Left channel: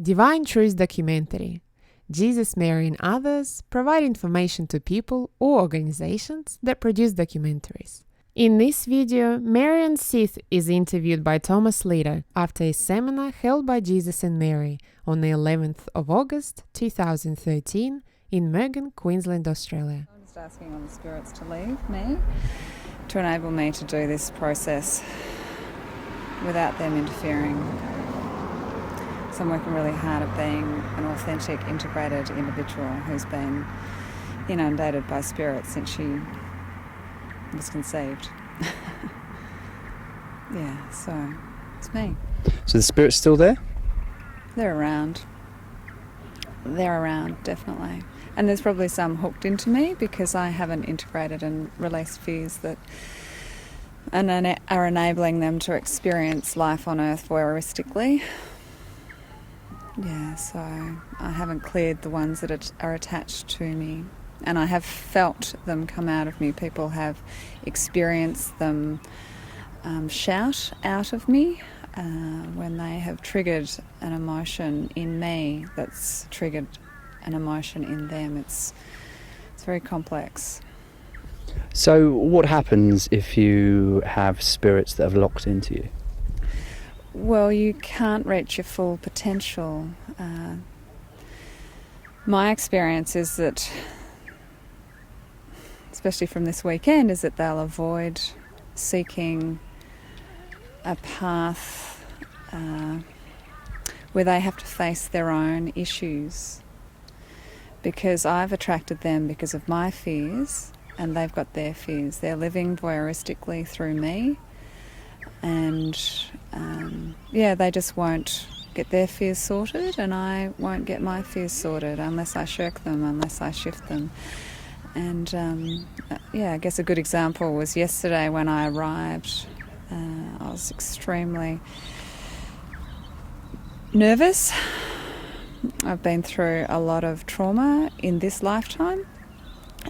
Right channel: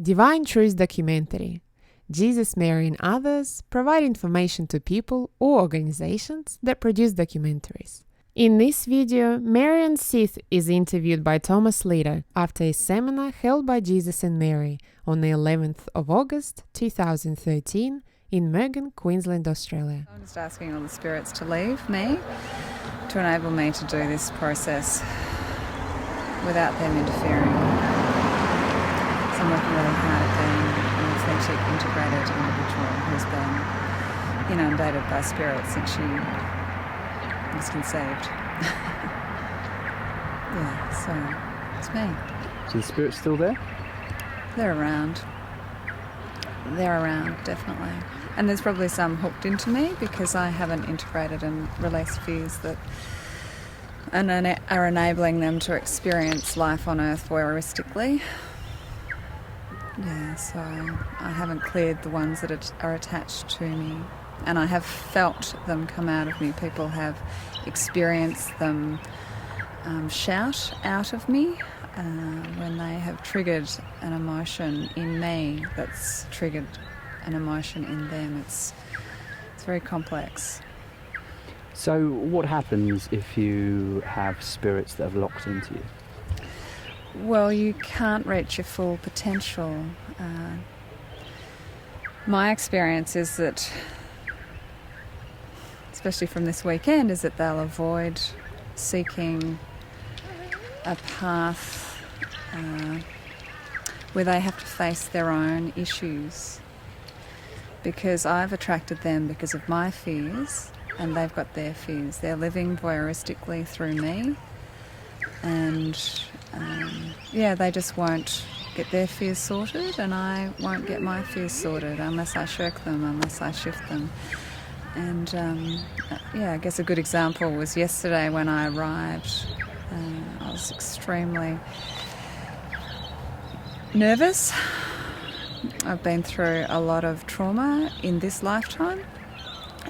Divine Truth documentary. Jesus, Mary, and others provide information to people or organizations that produce documentaries. In this video, Marion Seath is interviewed by Thomas Leader after a seminar held by Jesus and Mary on the 11th of August 2013 in Marion, Queensland, Australia. I'm just asking all the spirits to leave me, to enable me to do this process without them interfering. So I'm working really hard at being an authentic, integrated individual who's been inundated by spirit since she was conceived. Yeah, so it's me. So the spirit's still there? They're around. They're around, definitely. And there's probably some hooked into me because I haven't integrated and released fears that are enabling them to experience life on earth voyeuristically. Yeah, so I haven't cleared the ones that are attached to me. And I have felt them come out of me. People have experienced them shout out of me when they have triggered an emotion in me that's triggered an emotion in them. It's very complex. So what happens if you have spirits that have locked into you? Well, you can't reach your full potential. My experience is that, especially from this weekend, is that they'll avoid seeking a path where they have to face their own issues. Because I've attracted them because of my fears, and they've got their fears. They're living voyeuristically through me, and they just won't get their fears sorted, and I won't get my fears sorted unless I shirk them, unless I shift them. And I guess a good example was yesterday when I arrived. I was extremely nervous. I've been through a lot of trauma in this lifetime,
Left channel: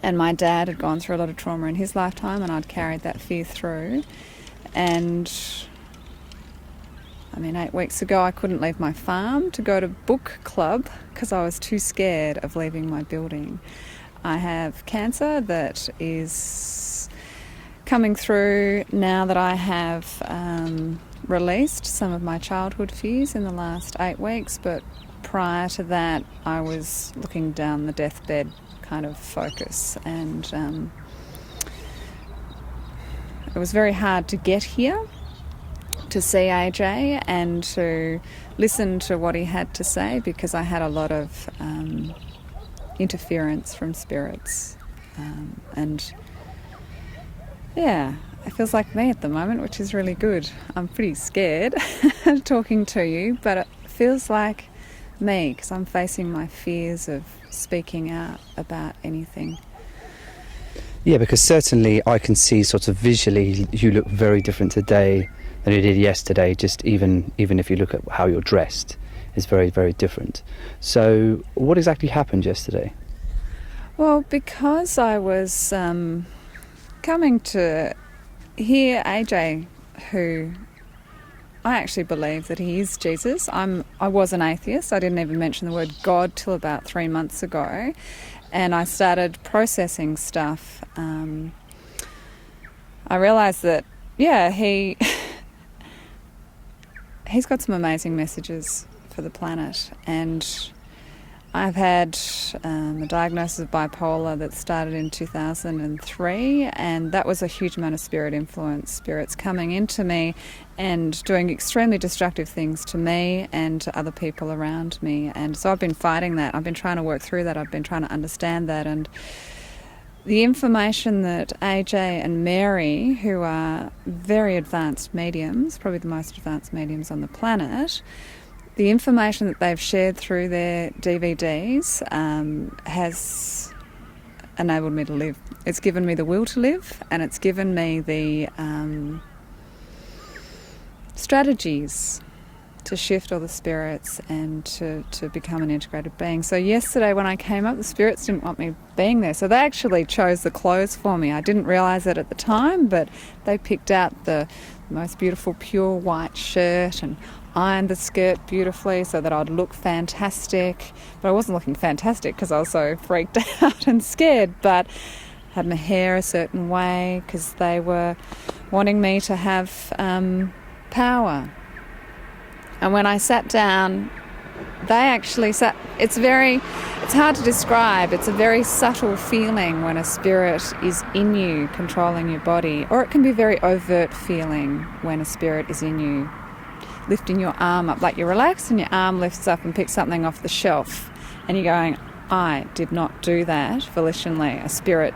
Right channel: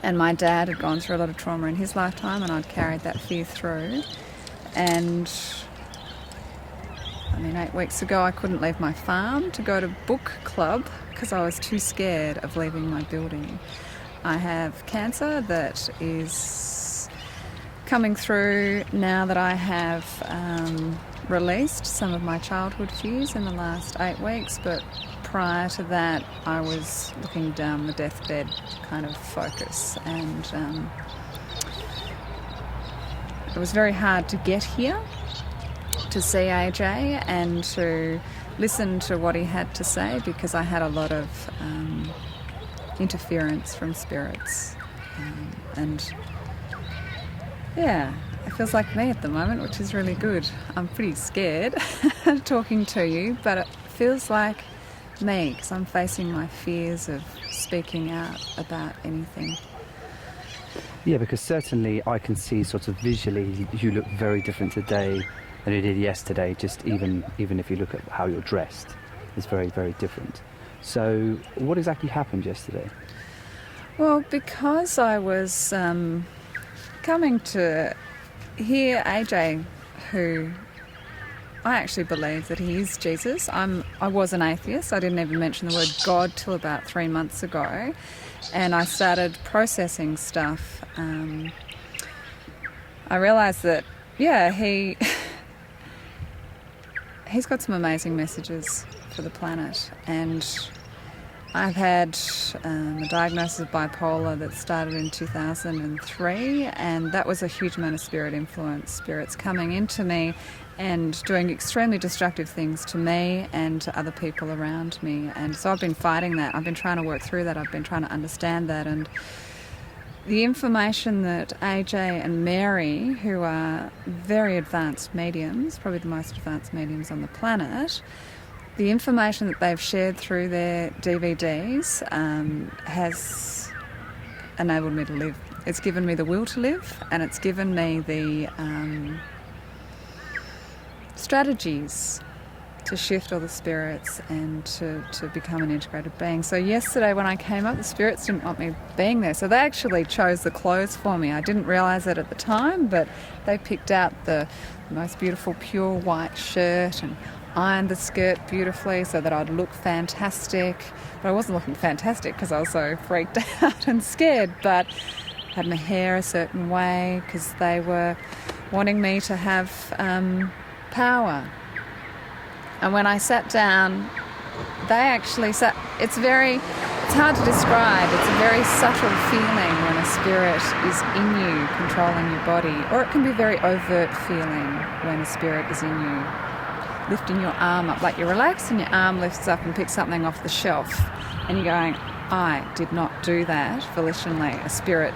and my dad had gone through a lot of trauma in his lifetime, and I'd carried that fear through. And 8 weeks ago I couldn't leave my farm to go to book club because I was too scared of leaving my building. I have cancer that is coming through now that I have released some of my childhood fears in the last 8 weeks, but prior to that I was looking down the deathbed kind of focus, and it was very hard to get here to see AJ and to listen to what he had to say because I had a lot of interference from spirits, it feels like me at the moment, which is really good. I'm pretty scared talking to you, but it feels like me because I'm facing my fears of speaking out about anything. Yeah, because certainly I can see sort of visually you look very different today than you did yesterday, just even if you look at how you're dressed, it's very, very different. So what exactly happened yesterday? Well, because I was coming to hear AJ, who I actually believe that he is Jesus. I was an atheist. I didn't even mention the word God till about 3 months ago. And I started processing stuff. I realised that, he's got some amazing messages for the planet. And I've had a diagnosis of bipolar that started in 2003, and that was a huge amount of spirit influence, spirits coming into me and doing extremely destructive things to me and to other people around me. And so I've been fighting that. I've been trying to work through that. I've been trying to understand that. And the information that AJ and Mary, who are very advanced mediums, probably the most advanced mediums on the planet, the information that they've shared through their DVDs has enabled me to live. It's given me the will to live, and it's given me the strategies to shift all the spirits and to become an integrated being. So yesterday when I came up, the spirits didn't want me being there. So they actually chose the clothes for me. I didn't realise it at the time, but they picked out the most beautiful pure white shirt and ironed the skirt beautifully so that I'd look fantastic. But I wasn't looking fantastic because I was so freaked out and scared, but had my hair a certain way because they were wanting me to have power. And when I sat down, they actually sat. It's hard to describe. It's a very subtle feeling when a spirit is in you, controlling your body, or it can be a very overt feeling when a spirit is in you, lifting your arm up, like you're relaxed and your arm lifts up and picks something off the shelf, and you're going, I did not do that volitionally. A spirit,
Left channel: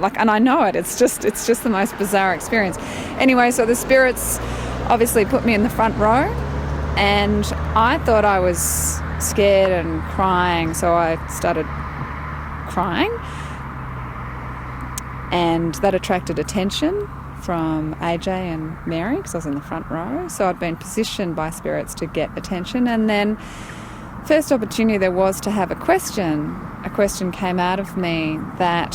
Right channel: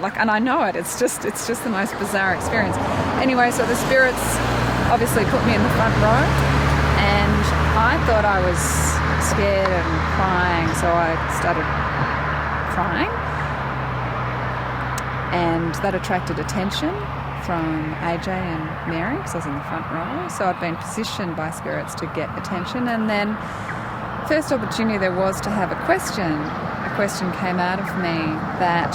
and I know it. It's just the most bizarre experience. Anyway, so the spirits obviously put me in the front row. And I thought I was scared and crying, so I started crying. And that attracted attention from AJ and Mary, because I was in the front row. So I'd been positioned by spirits to get attention. And then first opportunity there was to have a question. A question came out of me that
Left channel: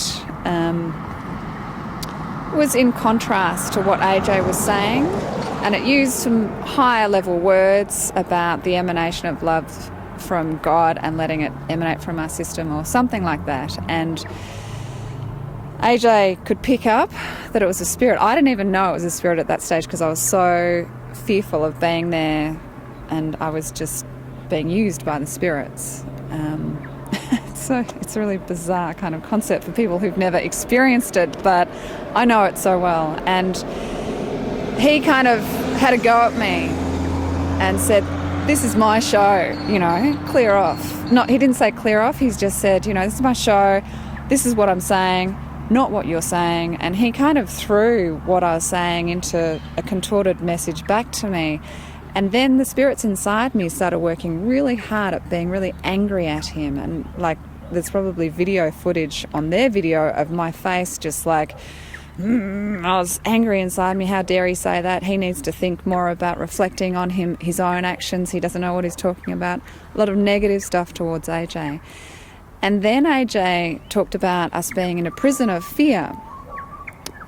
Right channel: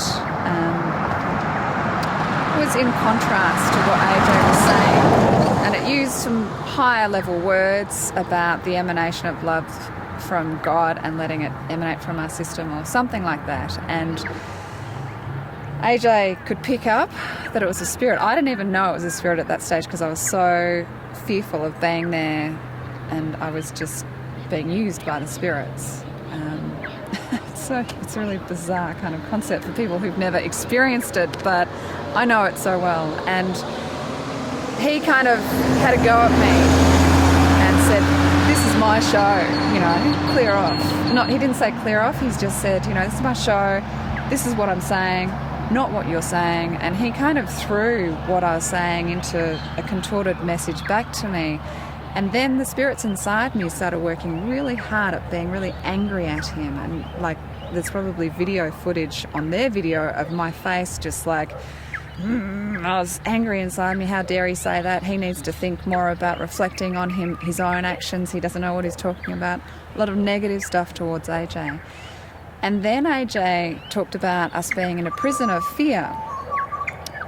was in contrast to what AJ was saying. And it used some higher level words about the emanation of love from God and letting it emanate from our system or something like that. And AJ could pick up that it was a spirit. I didn't even know it was a spirit at that stage because I was so fearful of being there and I was just being used by the spirits. It's a really bizarre kind of concept for people who've never experienced it, but I know it so well. And he kind of had a go at me and said, this is my show, clear off. He didn't say clear off, he's just said, this is my show, this is what I'm saying, not what you're saying. And he kind of threw what I was saying into a contorted message back to me. And then the spirits inside me started working really hard at being really angry at him. And there's probably video footage on their video of my face just I was angry inside me. How dare he say that? He needs to think more about reflecting on his own actions. He doesn't know what he's talking about. A lot of negative stuff towards AJ. And then AJ talked about us being in a prison of fear.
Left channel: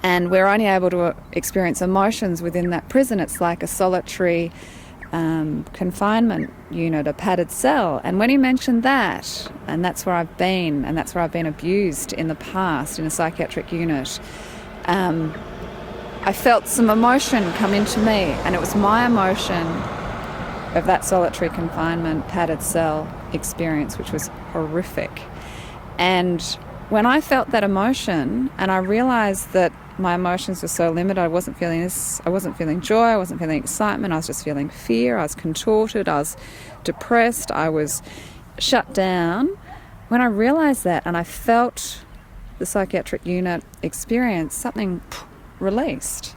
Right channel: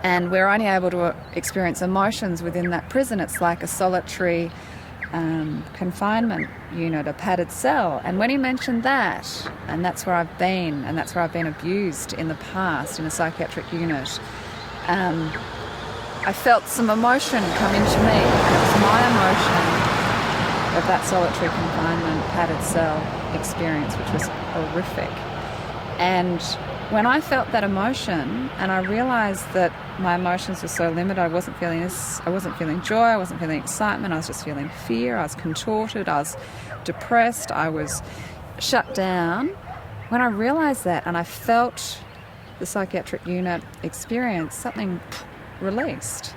And we're only able to experience emotions within that prison. It's like a solitary confinement unit, a padded cell. And when he mentioned that, and that's where I've been, and that's where I've been abused in the past in a psychiatric unit, I felt some emotion come into me, and it was my emotion of that solitary confinement, padded cell experience, which was horrific. And when I felt that emotion, and I realised that my emotions were so limited, I wasn't feeling joy, I wasn't feeling excitement, I was just feeling fear, I was contorted, I was depressed, I was shut down. When I realised that, and I felt the psychiatric unit experience, something released.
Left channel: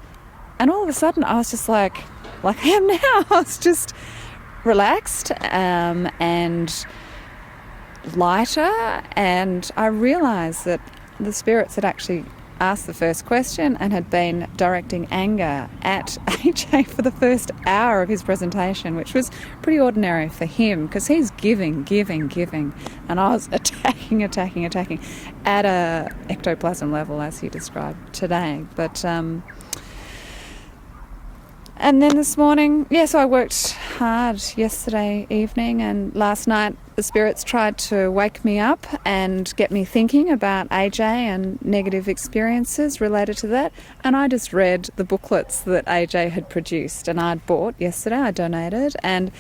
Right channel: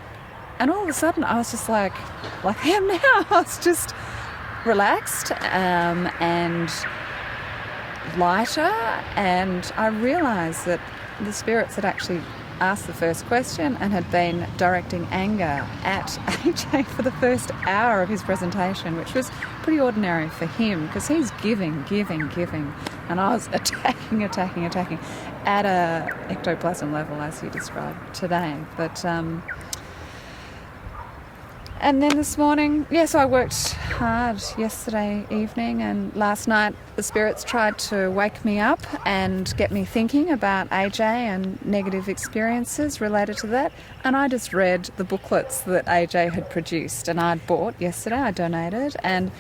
And all of a sudden I was just like I am now. I was just relaxed and lighter, and I realised that the spirits had actually asked the first question and had been directing anger at AJ for the first hour of his presentation, which was pretty ordinary for him because he's giving, and I was attacking at a ectoplasm level, as he described today. But and then this morning, so I worked hard yesterday evening, and last night the spirits tried to wake me up and get me thinking about AJ and negative experiences related to that. And I just read the booklets that AJ had produced and I'd bought yesterday, I donated, and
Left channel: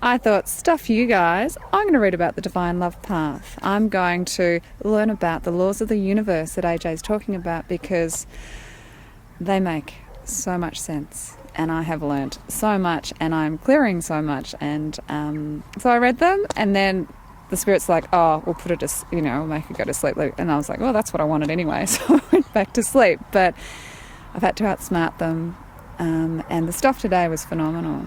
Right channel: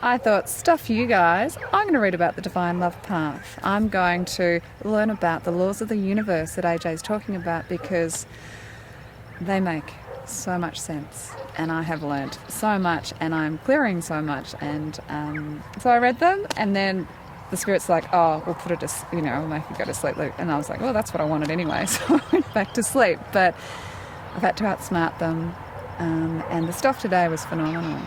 I thought, stuff you guys, I'm going to read about the Divine Love Path. I'm going to learn about the laws of the universe that AJ's talking about because they make so much sense. And I have learnt so much, and I'm clearing so much, and so I read them, and then the spirit's like, oh, we'll put it to, we'll make it go to sleep, and I was like, well, that's what I wanted anyway, so I went back to sleep. But I've had to outsmart them, and the stuff today was phenomenal.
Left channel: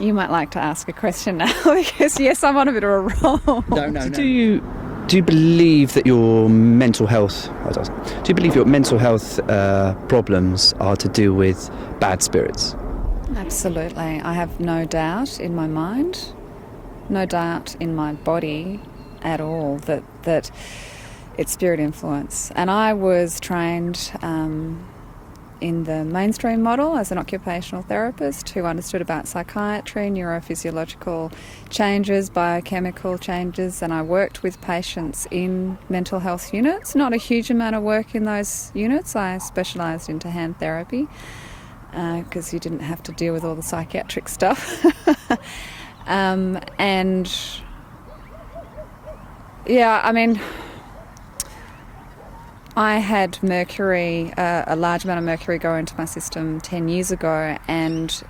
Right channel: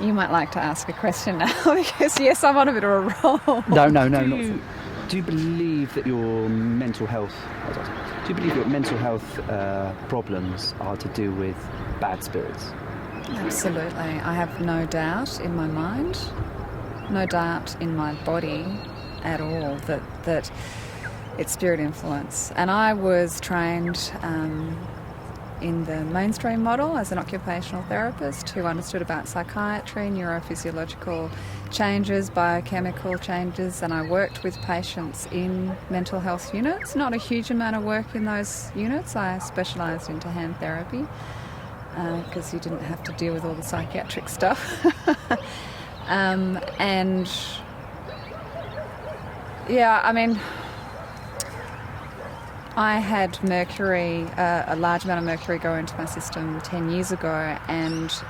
You might like to ask a question now, because yes, I'm on a bit of a roll. No. Do you believe that your mental health problems are to do with bad spirits? Absolutely. I have no doubt in my mind, no doubt in my body at all that it's spirit influence. And I was trained in the mainstream model as an occupational therapist who understood about psychiatry, neurophysiological changes, biochemical changes, and I worked with patients in mental health units. Not a huge amount of work in those units. I specialised into hand therapy because you didn't have to deal with all the psychiatric stuff. And yeah, I mean, I had mercury, a large amount of mercury go into my system 10 years ago, and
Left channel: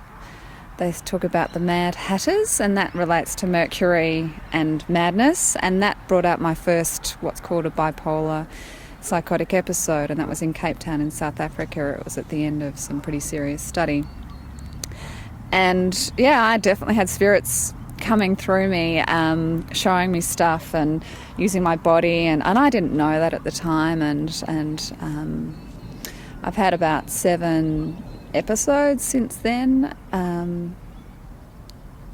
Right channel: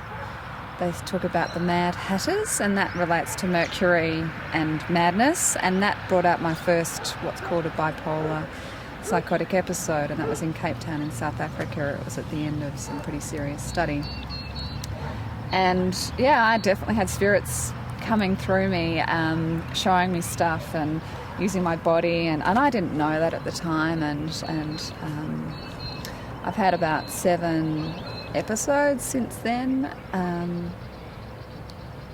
they talk about the Mad Hatters, and that relates to mercury and madness, and that brought out my first what's called a bipolar psychotic episode, and that was in Cape Town in South Africa. It was at the end of some pretty serious study. And yeah, I definitely had spirits coming through me, showing me stuff and using my body, and I didn't know that at the time, and I've had about 7 episodes since then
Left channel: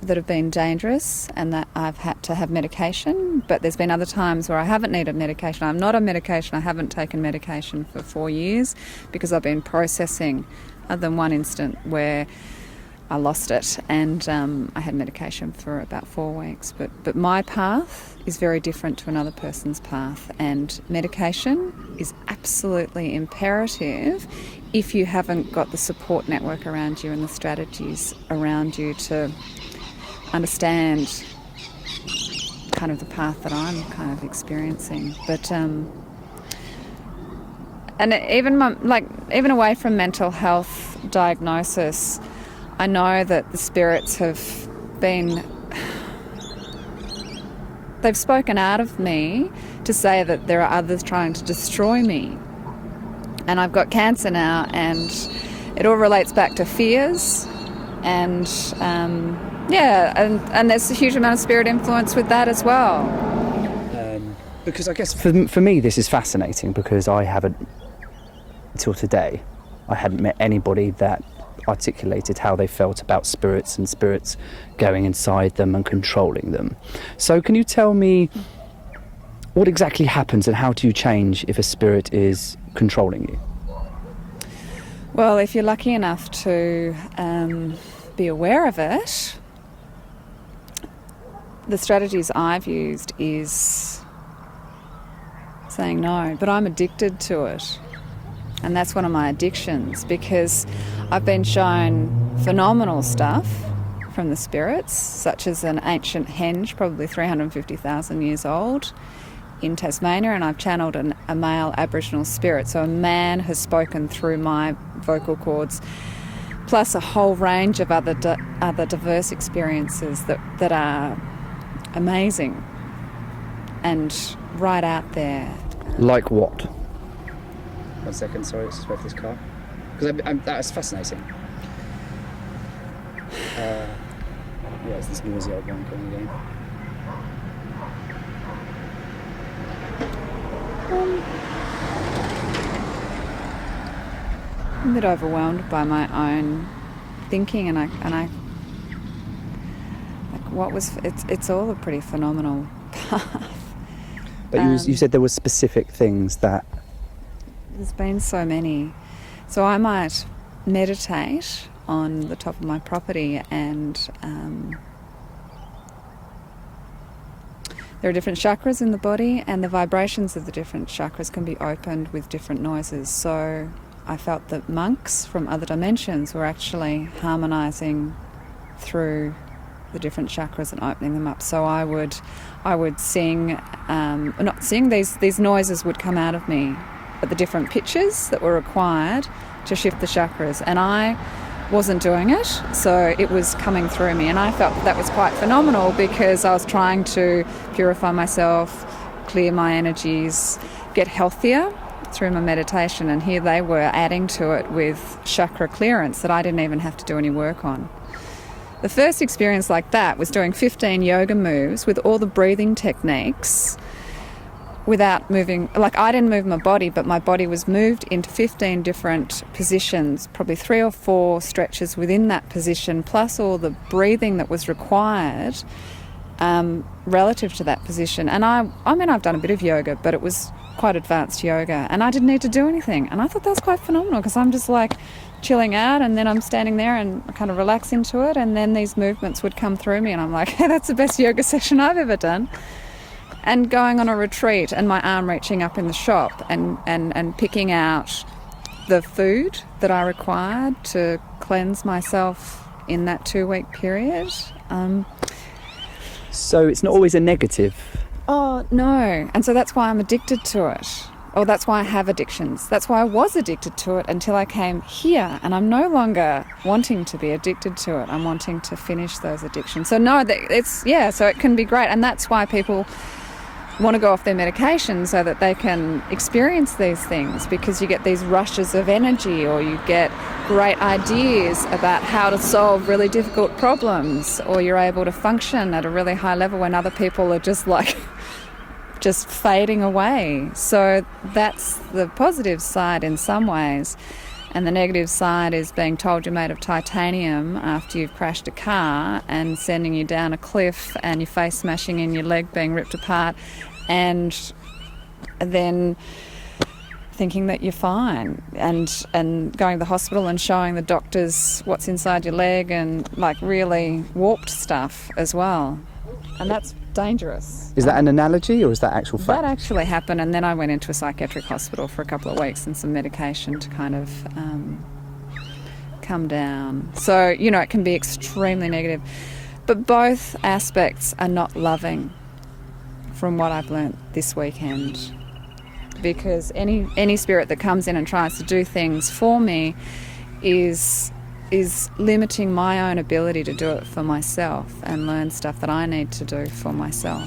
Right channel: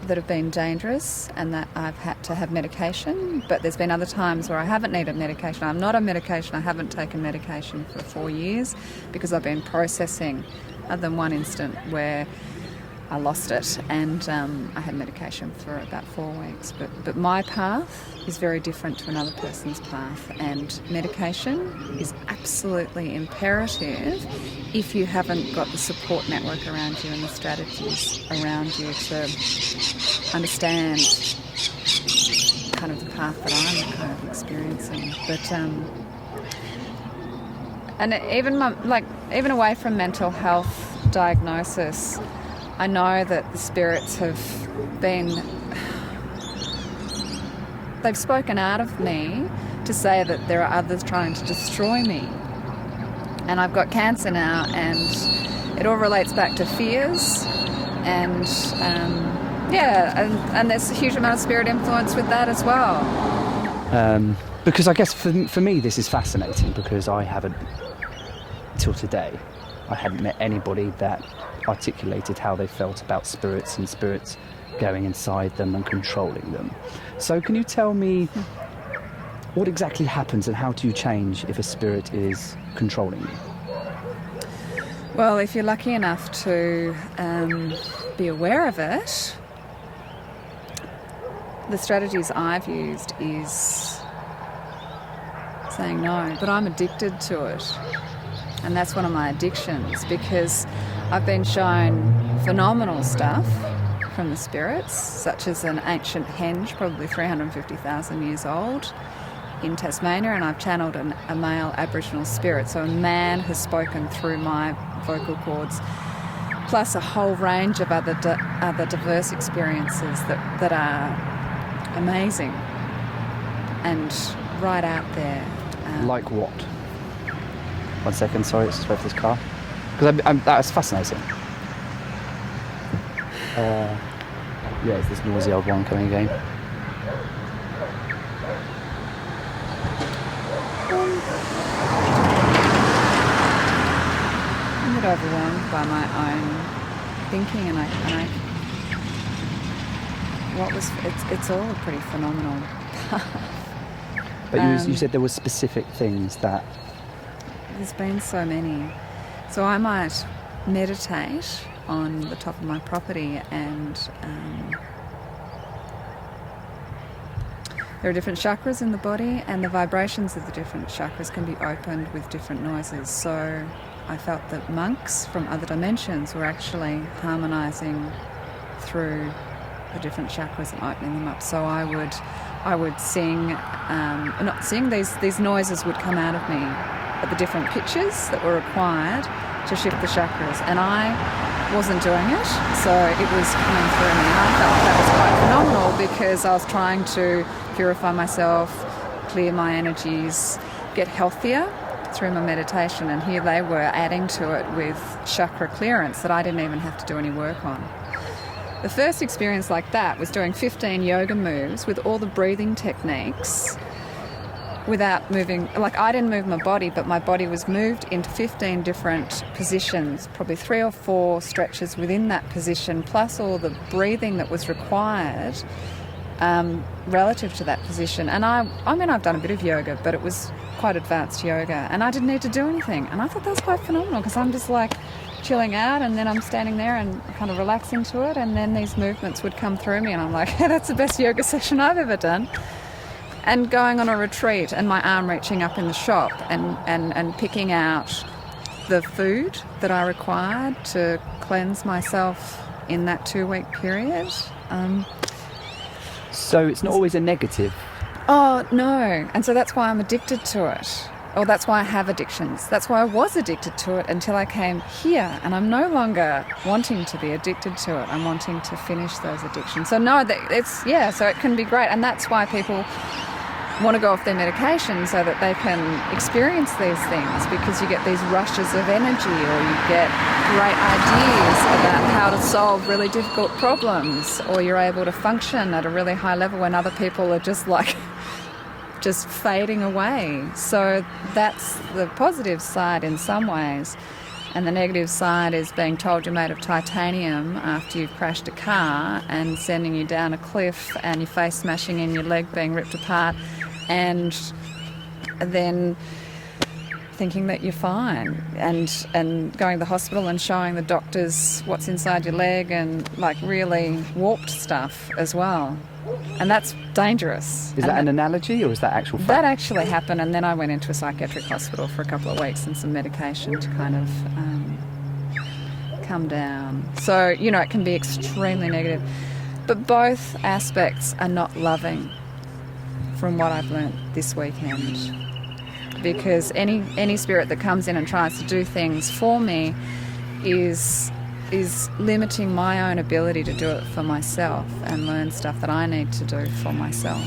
that have been dangerous and that I've had to have medication, but there's been other times where I haven't needed medication. I'm not on medication. I haven't taken medication for 4 years because I've been processing, other than one instant where I lost it, and I had medication for about 4 weeks. But my path is very different to another person's path, and medication is absolutely imperative if you haven't got the support network around you and the strategies around you to understand kind of the path that I'm kind of experiencing. But and even away from mental health diagnosis, I know that the spirits they've spoken out of me to say that there are others trying to destroy me. And I've got cancer now, and it all relates back to fears, and and there's a huge amount of spirit influence with that as well. Because I guess for me this is fascinating, because I haven't, till today, I hadn't met anybody that articulated how they felt about spirits and spirits going inside them and controlling them. So can you tell me what exactly happens and how do you change if a spirit is controlling you? Well, if you're lucky enough to be aware of it, the strategies I've used is saying no, but I'm addicted to it. And that's one of my addictions, because I've been shown phenomenal stuff from the spirits, such as an ancient henge, probably 350,000 years old, in Tasmania, and I've channeled a male Aboriginal spirit. So a man has spoken through my vocal cords, plus a whole range of other diverse experiences that are amazing and right out there. Like what? 1 second, sorry, it's about this car. Because that's fascinating. Yeah, it's this noisy old one coming again. I'm a bit overwhelmed by my own thinking, and I it's all a pretty phenomenal path. But you said there were specific things that... There's been so many. So I might meditate on the top of my property, and there are different chakras in the body, and the vibrations of the different chakras can be opened with different noises. So I felt that monks from other dimensions were actually harmonizing through the different chakras and opening them up. So I would sing, not sing, these noises would come out of me at the different pitches that were required to shift the chakras, and I wasn't doing it, so it was coming through me, and I felt that was quite phenomenal, because I was trying to purify myself, clear my energies, get healthier through my meditation, and here they were adding to it with chakra clearance that I didn't even have to do any work on. The first experience like that was doing 15 yoga moves with all the breathing techniques without moving. Like, I didn't move my body, but my body was moved into 15 different positions, probably 3 or 4 stretches within that position, plus all the breathing that was required relative to that position. And I mean, I've done a bit of yoga, but it was quite advanced yoga, and I didn't need to do anything. And I thought that was quite phenomenal, because I'm just like chilling out, and then I'm standing there and kind of relaxing to it, and then these movements would come through me, and I'm like, yeah, that's the best yoga session I've ever done. And going on a retreat and my arm reaching up in the shop and picking out the food that I required to cleanse myself in that 2-week period. So it's not always a negative. Oh, no. And so that's why I'm addicted to it. Or that's why I have addictions. That's why I was addicted to it until I came here. And I'm no longer wanting to be addicted to it. I'm wanting to finish those addictions. So no, so it can be great. And that's why people want to go off their medication, so that they can experience these things, because you get these rushes of energy, or you get great ideas about how to solve really difficult problems, or you're able to function at a really high level when other people are just like just fading away. So that's the positive side in some ways. And the negative side is being told you're made of titanium after you've crashed a car, and sending you down a cliff, and your face smashing in, your leg being ripped apart, and then thinking that you're fine, and going to the hospital and showing the doctors what's inside your leg, and like really warped stuff as well. And that's dangerous. Is that an analogy, or is that actual fact? That actually happened, and then I went into a psychiatric hospital for a couple of weeks and some medication to kind of come down. So, you know, it can be extremely negative. But both aspects are not loving, from what I've learnt this weekend. Because any spirit that comes in and tries to do things for me is limiting my own ability to do it for myself and learn stuff that I need to do for myself.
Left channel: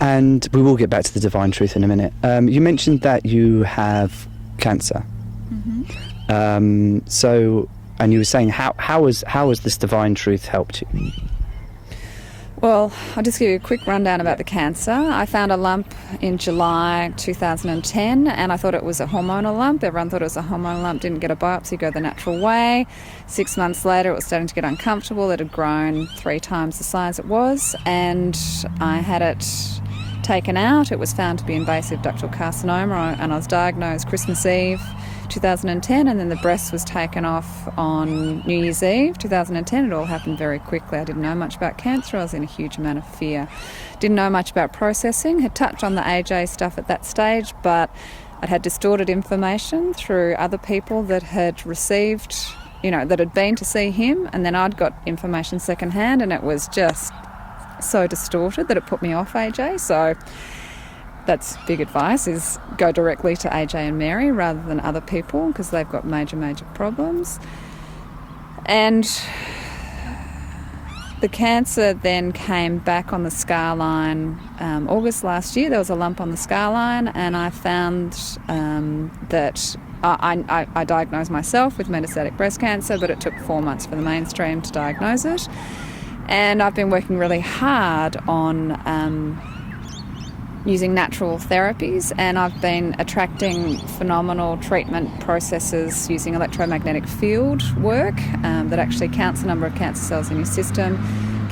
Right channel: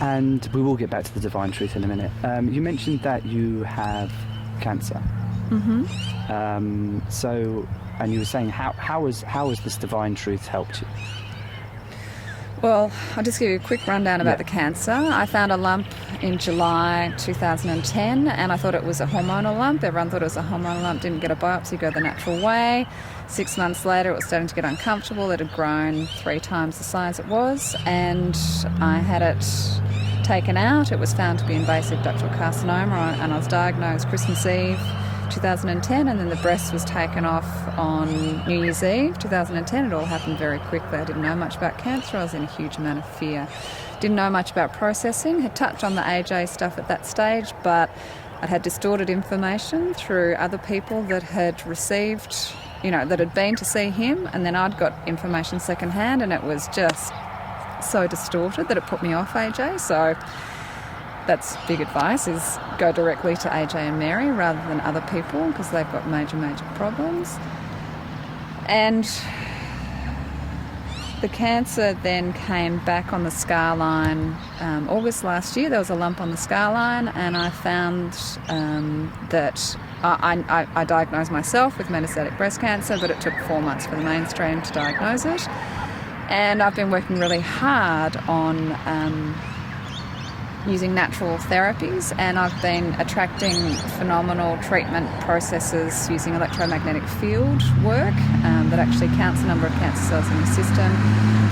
And we will get back to the divine truth in a minute. You mentioned that you have cancer. Mm-hmm. And you were saying, how has this divine truth helped you? Well, I'll just give you a quick rundown about the cancer. I found a lump in July 2010, and I thought it was a hormonal lump. Everyone thought it was a hormonal lump, didn't get a biopsy, go the natural way. 6 months later, it was starting to get uncomfortable. It had grown 3 times the size it was, and I had it taken out. It was found to be invasive ductal carcinoma, and I was diagnosed Christmas Eve 2010, and then the breast was taken off on New Year's Eve 2010. It all happened very quickly. I didn't know much about cancer. I was in a huge amount of fear. Didn't know much about processing. Had touched on the AJ stuff at that stage, but I'd had distorted information through other people that had received, that had been to see him, and then I'd got information secondhand, and it was just so distorted that it put me off AJ. So that's big advice, is go directly to AJ and Mary rather than other people, because they've got major problems. And the cancer then came back on the scar line August last year. There was a lump on the scar line, and I found that I diagnosed myself with metastatic breast cancer, but it took 4 months for the mainstream to diagnose it. And I've been working really hard on using natural therapies, and I've been attracting phenomenal treatment processes using electromagnetic field work that actually counts the number of cancer cells in your system,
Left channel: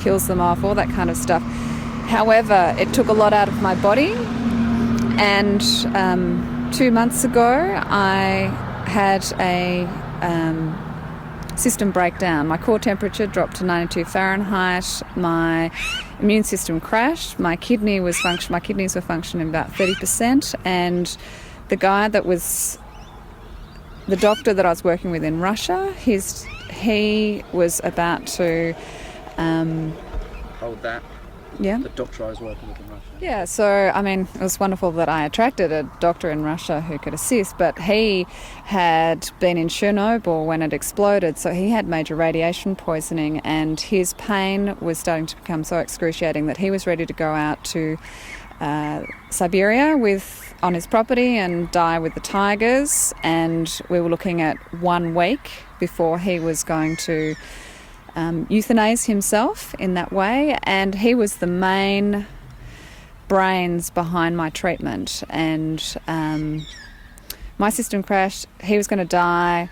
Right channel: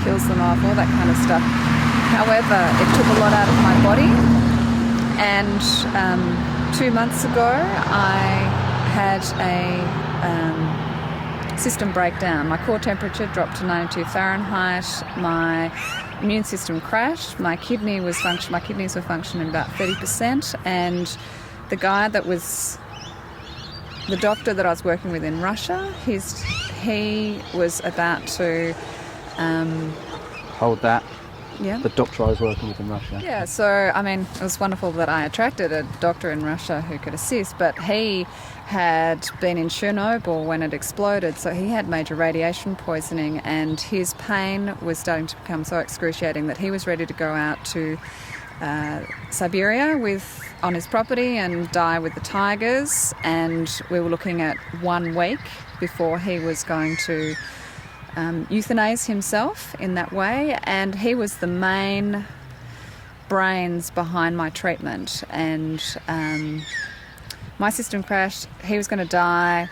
kills them off, all that kind of stuff. However, it took a lot out of my body, and 2 months ago I had a system breakdown. My core temperature dropped to 92 Fahrenheit. My immune system crashed. My kidneys were functioning about 30%, and the guy that was the doctor that I was working with in Russia, he was about to Hold that. Yeah. The doctor I was working with in Russia. Yeah, so, it was wonderful that I attracted a doctor in Russia who could assist, but he had been in Chernobyl when it exploded, so he had major radiation poisoning, and his pain was starting to become so excruciating that he was ready to go out to Siberia on his property and die with the tigers, and we were looking at 1 week before he was going to euthanize himself in that way, and he was the main brains behind my treatment. And my system crashed. He was going to die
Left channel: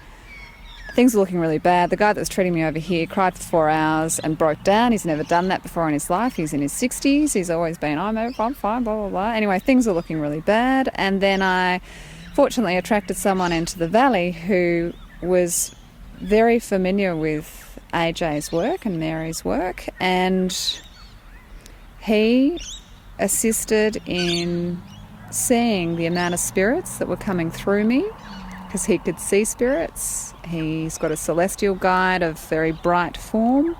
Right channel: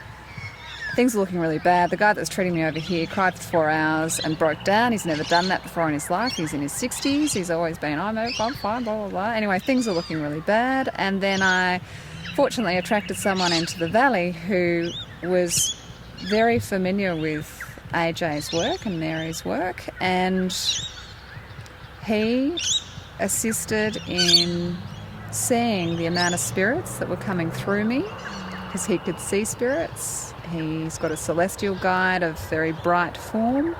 things are looking really bad. The guy that was treating me over here cried for 4 hours and broke down. He's never done that before in his life. He's in his 60s. He's always been, I'm fine, blah, blah, blah. Anyway, things are looking really bad. And then I fortunately attracted someone into the valley who was very familiar with AJ's work and Mary's work, and he assisted in seeing the amount of spirits that were coming through me, because he could see spirits. He's got a celestial guide of very bright form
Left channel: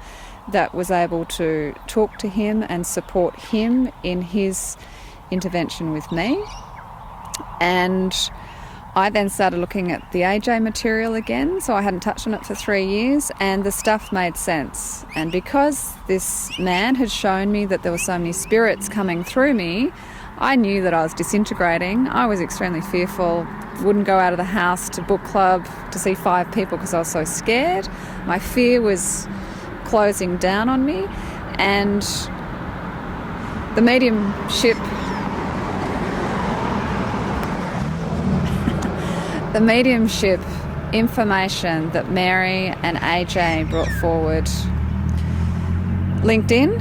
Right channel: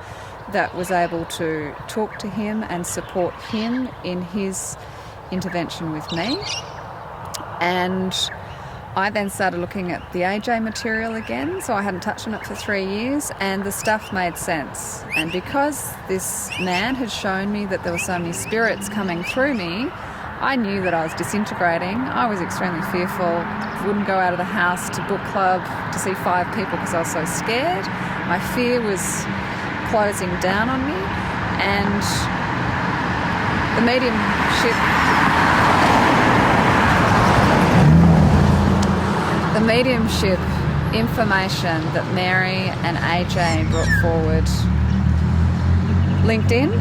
that was able to talk to him and support him in his intervention with me. And I then started looking at the AJ material again, so I hadn't touched on it for 3 years, and the stuff made sense. And because this man had shown me that there were so many spirits coming through me, I knew that I was disintegrating. I was extremely fearful, wouldn't go out of the house to book club to see 5 people because I was so scared. My fear was closing down on me, and the mediumship information that Mary and AJ brought forward linked in,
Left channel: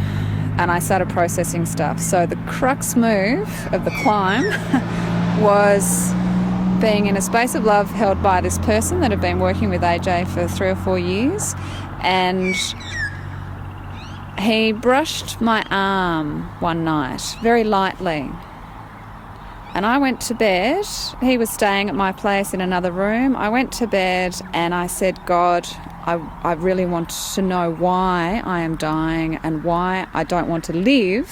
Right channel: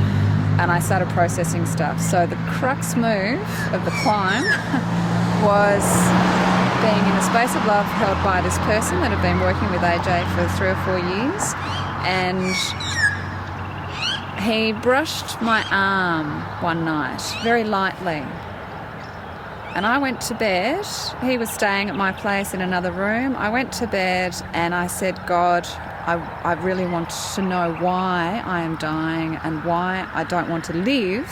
and I started processing stuff. So the crux move of the climb was being in a space of love held by this person that had been working with AJ for 3 or 4 years, and he brushed my arm one night very lightly. And I went to bed. He was staying at my place in another room. I went to bed and I said, God, I really want to know why I am dying and why I don't want to live.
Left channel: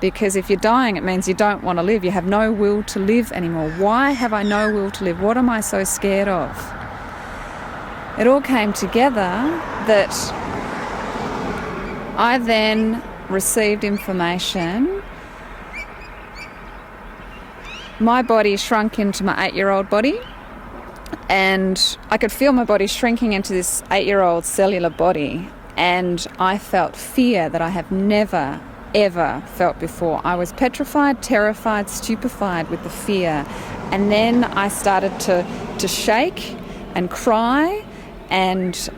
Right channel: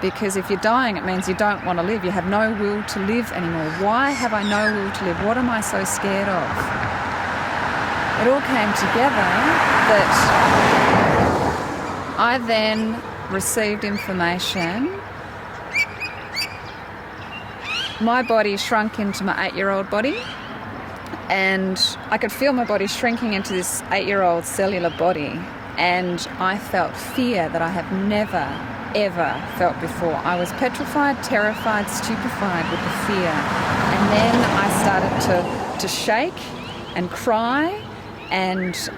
Because if you're dying, it means you don't want to live. You have no will to live anymore. Why have I no will to live? What am I so scared of? It all came together that I then received information. My body shrunk into my 8-year-old body, and I could feel my body shrinking into this 8-year-old cellular body, and I felt fear that I have never, ever felt before. I was petrified, terrified, stupefied with the fear, and then I started to shake and cry, and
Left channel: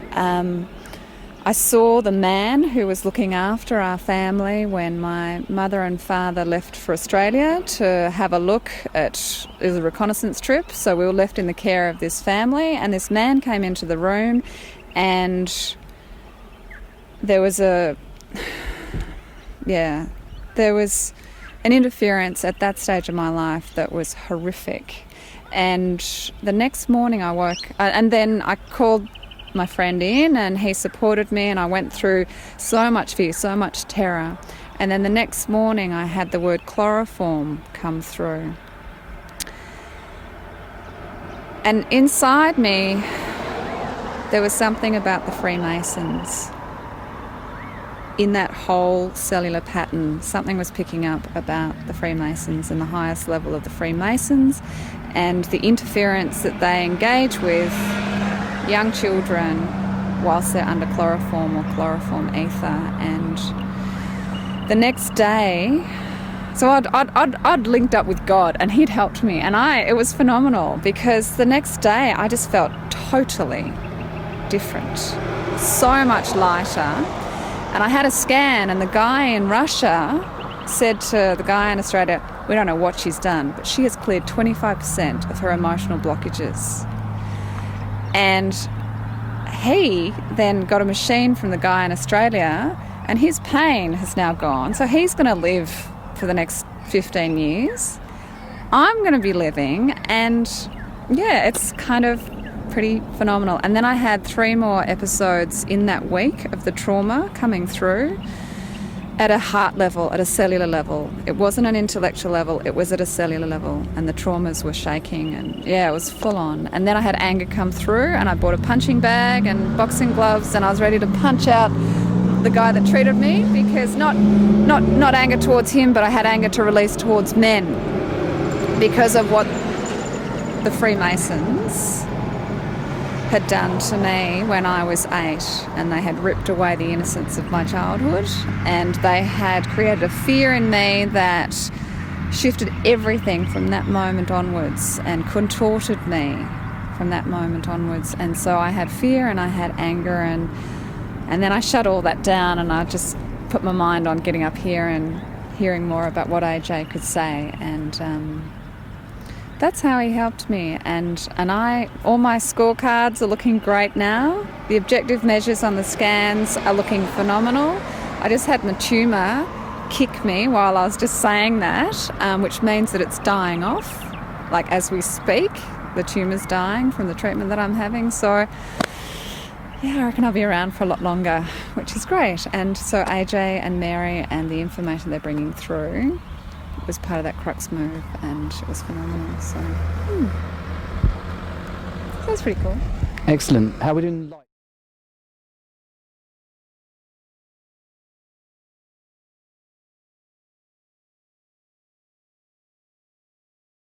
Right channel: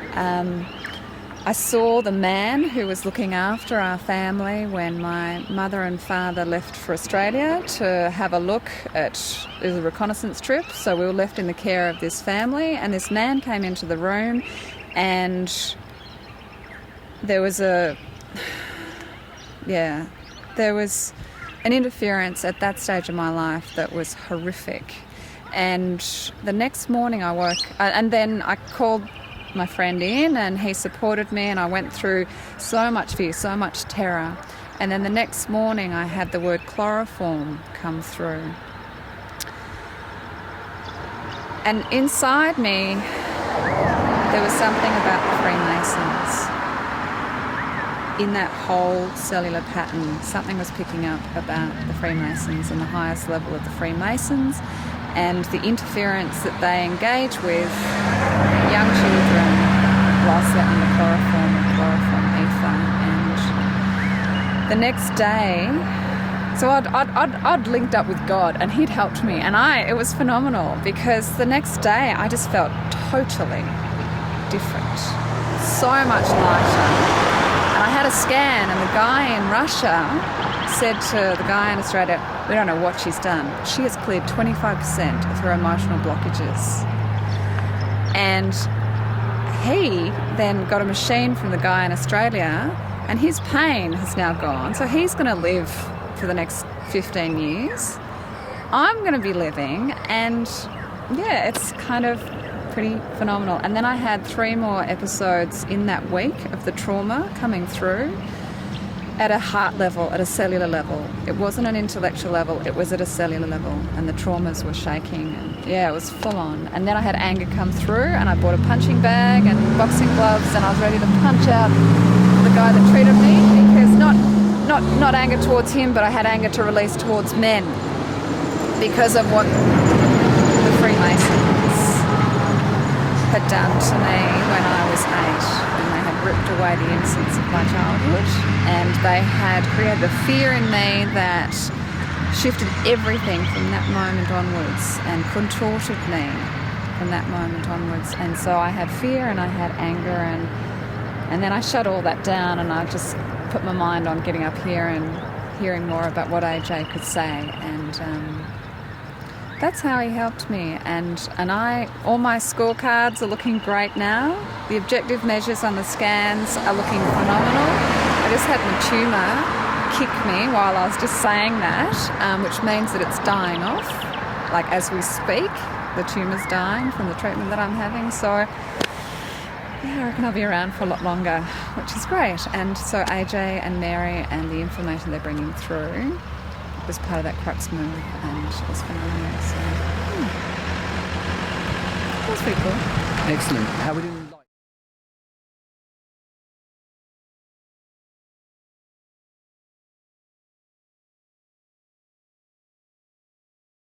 I saw the man who was looking after our family when my mother and father left for Australia to have a look at, it was a reconnaissance trip, so we were left in the care of this family, and this man came into the room, and there was an interference at that stage of my life that was horrific. And the next morning I woke, and then I called my friend in, and he supported me, and I went through so much fear, so much terror. And then the next morning I had the word chloroform come through, and inside me there was something about the Freemasons. In that whole cellular pattern, something was picking up about the Freemasons and the highest level of the Freemasons, and the interference that they engage with young children whilst they're under chloroform or chloroform ether. And the next day, so I'd linked up with God, and he'd helped me, and it was phenomenal, because the next day I just felt totally different, so much lighter. And I had a scan, and the guy in Russia said to the guy in Australia, we don't know what she's done, but she has cleared 25% of her emotional blockages. And he then got a machine from the guy in Australia, and his pain has now gone. So he's going to live for the next 15 years. I'm going to be living, and yeah, it's kind of pretty phenomenal. And then I had 3 more episodes in that week of the trauma coming through at a heart level, at a cellular level. It wasn't an intellectual level, it was at a cellular level, and the traumas were shaking, and yeah, it was full on. And then I had anger come through, and I bought a punching bag and boxing gloves, and I was ready to punch out the guy that treated me, because not anger towards him, but I had anger to release towards men because of what the Freemasons had done to me when I was 8, and they had ripped away the innocence of my childhood, and they had created a fear in me that shifted everything from that moment onwards and contorted me from from that moment onwards. And so I had fear and I had anger, and then I shut all that down, and I just put my mind on getting up here and hearing more about what AJ could say. And that's how he helped me. And all my scorecards are looking great now. The objective measures on the scans are looking phenomenal. I just had my tumour kick me while I was just saying that, which means that it's dying off. Like as we speak, the tumour's dying from the treatment that I'm having. So yeah, I reckon I'll be around for a lot longer, which is great. And so AJ and Mary and the information they're bringing through was part of that crux move, and it was phenomenal. So that was pretty cool. Excellent. How would you like